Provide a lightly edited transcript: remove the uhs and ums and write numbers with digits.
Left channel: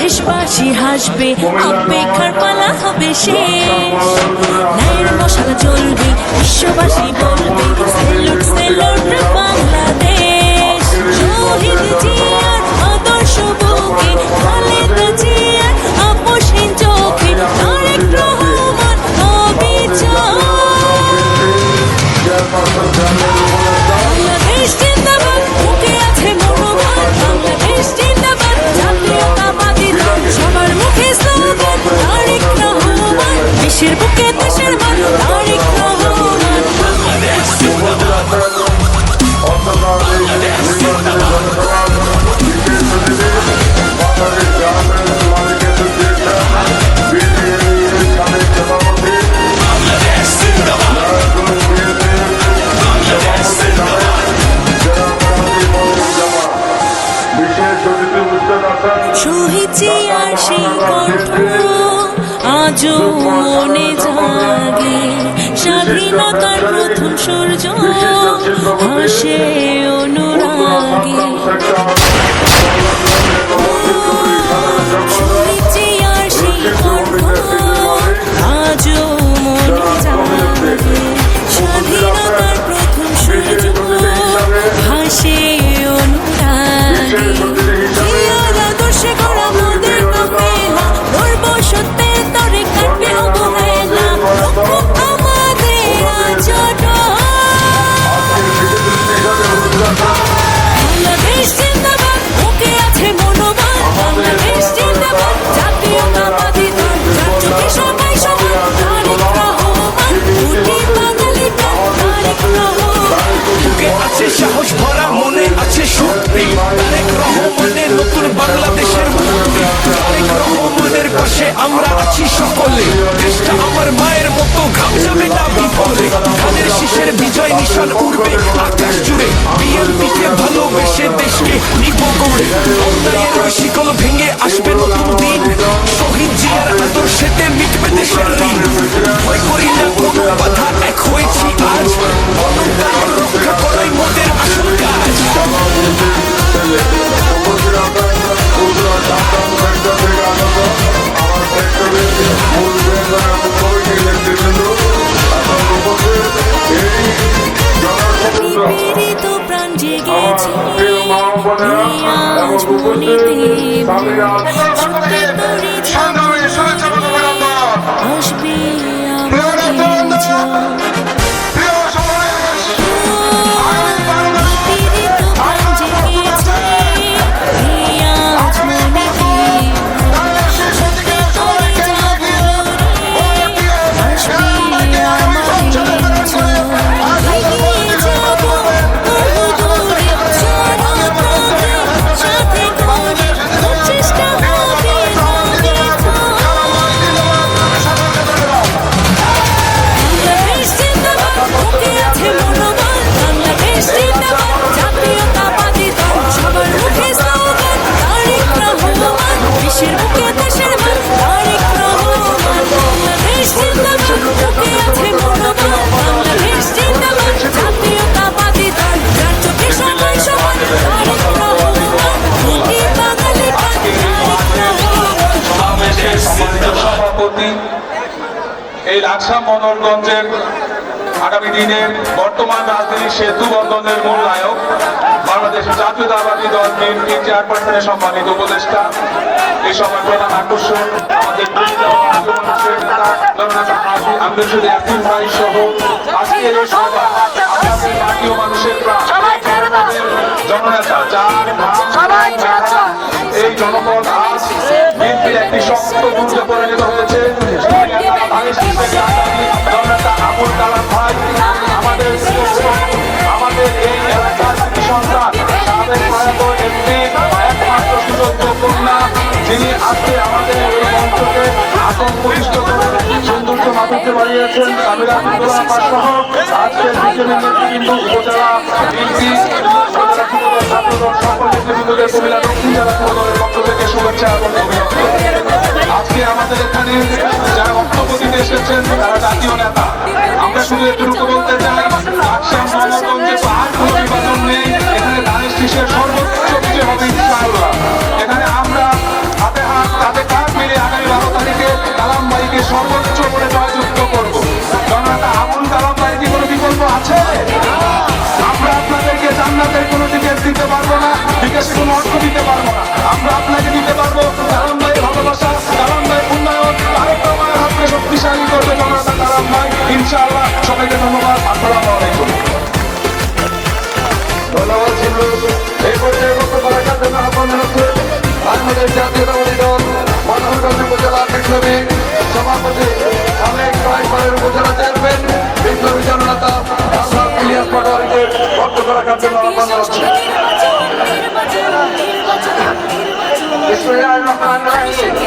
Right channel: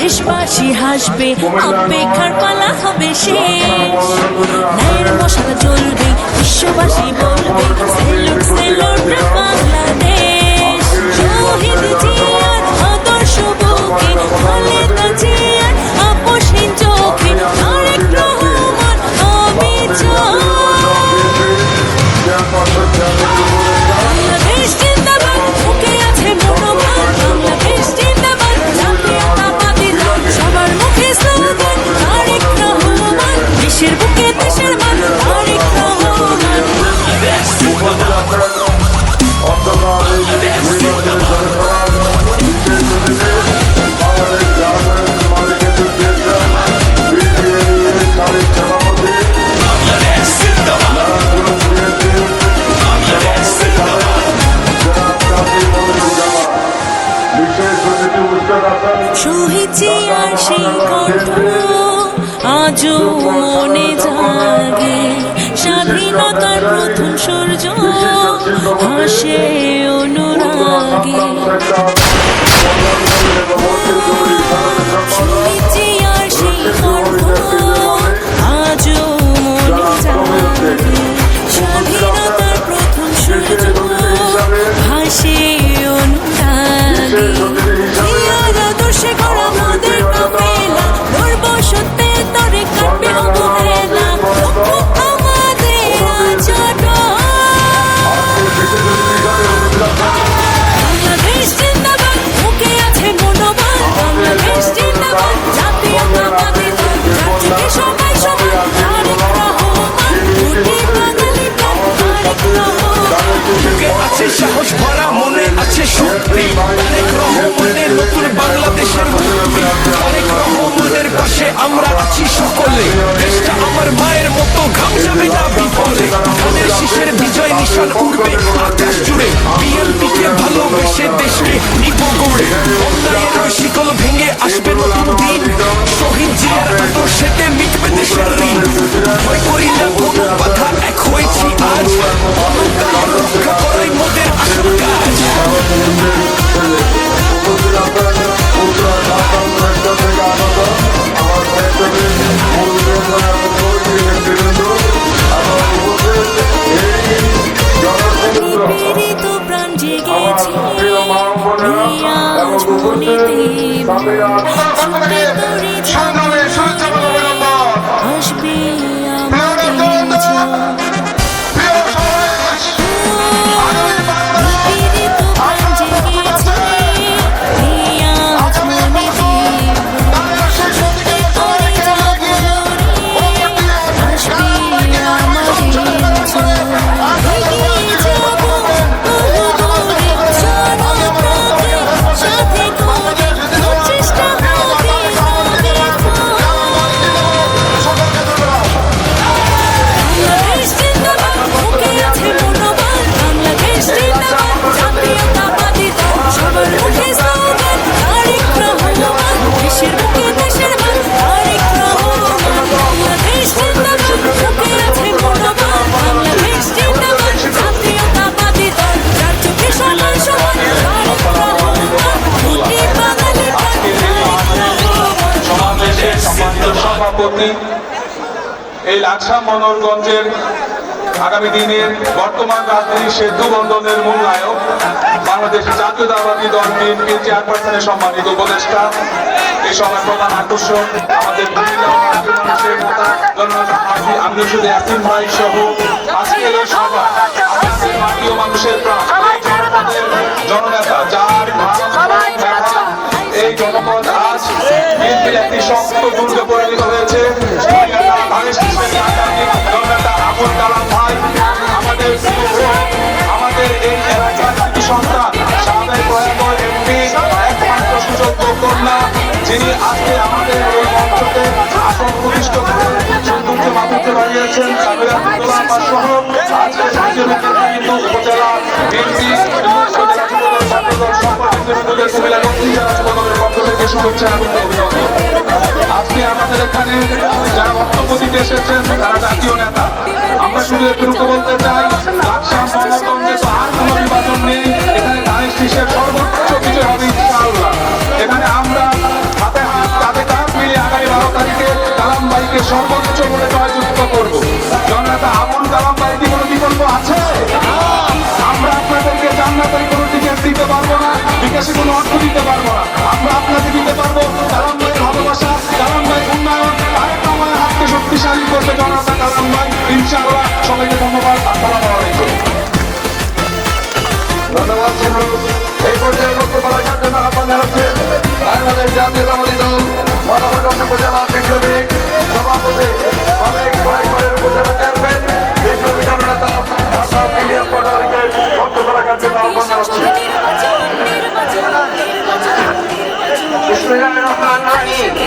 দেশবাসী হাসবে, অপেক্ষার পালা হবে শেষ। ন্যায়ের মশাল জ্বলবে, বিশ্ববাসী বলবে সেলুট সেলুট বাংলাদেশ। শহীদ জিয়ার আদর্শ বুকে, খালেদা জিয়ার আপোষহীন চোখে, তারেক রহমান অবিচল। বাংলাদেশ জিন্দাবাদ, মুখে আছে মনোবল। বাংলাদেশ জিন্দাবাদ, জাতীয়তাবাদী দল। সবার মুখে স্লোগান তারেক রহমান। দেশের বুকে দেশের মান তারেক রহমান। বাংলাদেশ জিন্দাবাদ, বাংলাদেশ জিন্দাবাদ। শহীদ জিয়ার সেই কণ্ঠ আজও মনে জাগে। স্বাধীনতার প্রথম সূর্য হাসে অনুরাগে। শহীদ জিয়ার সেই কণ্ঠ আজও মনে জাগে। স্বাধীনতার প্রথম সূর্য হাসে অনুরাগে। সে করা মোদের কাফেলা, লড়ব সত্যের তরে, কাটবে অবহেলা। লক্ষ্য আমাদের আজট। বাংলাদেশ জিন্দাবাদ, মুখে আছে মনোবল। বাংলাদেশ জিন্দাবাদ, জাতীয়তাবাদী দল। যার চোখে সবাই সমান তারেক রহমান। কোটি বাঙালি প্রাণ তারেক রহমান। বুকে আছে সাহস ভরা, মনে আছে শক্তি। তারেক রহমানের নতুন বাংলাদেশের মুক্তি। তারেক রহমানের পাশে আমরা আছি সকলে। দেশটা আমার মায়ের মতো, ঘাম যাবে না বিফলে। ধানের শীষের বিজয় নিশান উড়বে আকাশ জুড়ে। বিএনপি কে ভালোবেসে দেশকে নিব গড়ে। অন্যায়ের ওই শিকল ভেঙে আসবে নতুন দিন। শহীদ জিয়ার আদর্শেতে মিটবে দেশের ঋণ। ভয় করি না কোনো বাধা, এক হয়েছি আজ। গণতন্ত্র রক্ষা করাই মোদের আসল কাজ। নিপীড়িত প্রাণ জেগেছে, আজ মনেতে ছুটে তরে যাব, আসবে আমাদের জয়। নিপীড়িত প্রাণ জেগেছে, আজ মনেতে ছুটে তরে যাব, আসবে আমাদের জয়। এগিয়ে যাব বহু দূরে, জনতাকে সাথে করে, প্রচেষ্টা হবে না বিফল। বাংলাদেশ জিন্দাবাদ, মুখে আছে মনোবল। বাংলাদেশ জিন্দাবাদ, জাতীয়তাবাদী দল। সবার মুখে স্লোগান তারেক রহমান। দেশের বুকে দেশের মান তারেক রহমান। বাংলাদেশ জিন্দাবাদ, মুখে আছে মনোবল। বাংলাদেশ জিন্দাবাদ, জাতীয়তাবাদী দল। যার চোখে সবাই সমান তারেক রহমান। কোটি বাঙালি প্রাণ তারেক রহমান। বাংলাদেশ জিন্দাবাদ। সভাপতি এই লাকসাম বদরগঞ্জের আগামী দিনের বর্তমান রাজধানী সেতু বন্ধনের মূল নায়ক, বাংলাদেশ জাতীয়তাবাদী দল বিএনপি চেয়ারপারসনের সম্মানিত উপদেষ্টা। এই সভার প্রধান আকর্ষণ আমাদের আমি শুধু একদিন ভাই সহ আজকের এই সভা জাতীয় মানুষের জননেতা, যার এই জনপদ আজ বিএনপির একটি শক্ত দুর্গে পরিণত হয়েছে। জননেতা আবুল কালাম ভাই, আমাদের এই এলাকার কৃতি সন্তান, সাবেক প্রয়াত এমপি, একমাত্র সুযোগ্য কন্যা, যিনি আজকে আমাদের এই মঞ্চকে আসন প্রতিষ্ঠ করে সৌন্দর্য মাথাতে বাড়িয়েছেন। উপজেলা বিএনপি আজকে আমাদের এখানে যারা অতিথি এসেছেন তারা জাতীয় নেতা। আমরা শুধু একটু বলতে চাই, নেই, এখানে ধানের শীষের সর্বোচ্চ বিজয় হবে ইনশাআল্লাহ। এখানে আমরা হাতে বিপ্লবী সভাপতি সাবেক কয়েকবারের উপজেলা চেয়ারম্যান বিপ্লবী জননেতা ইলিয়াস পাটোয়ারিকে বক্তব্য রাখার জন্য জাতীয় আহ্বান সংসদে জানাচ্ছি। নির্বাচন নির্বাচন নির্বাচন নির্বাচন বিসমিল্লাহির রহমানির রহিম।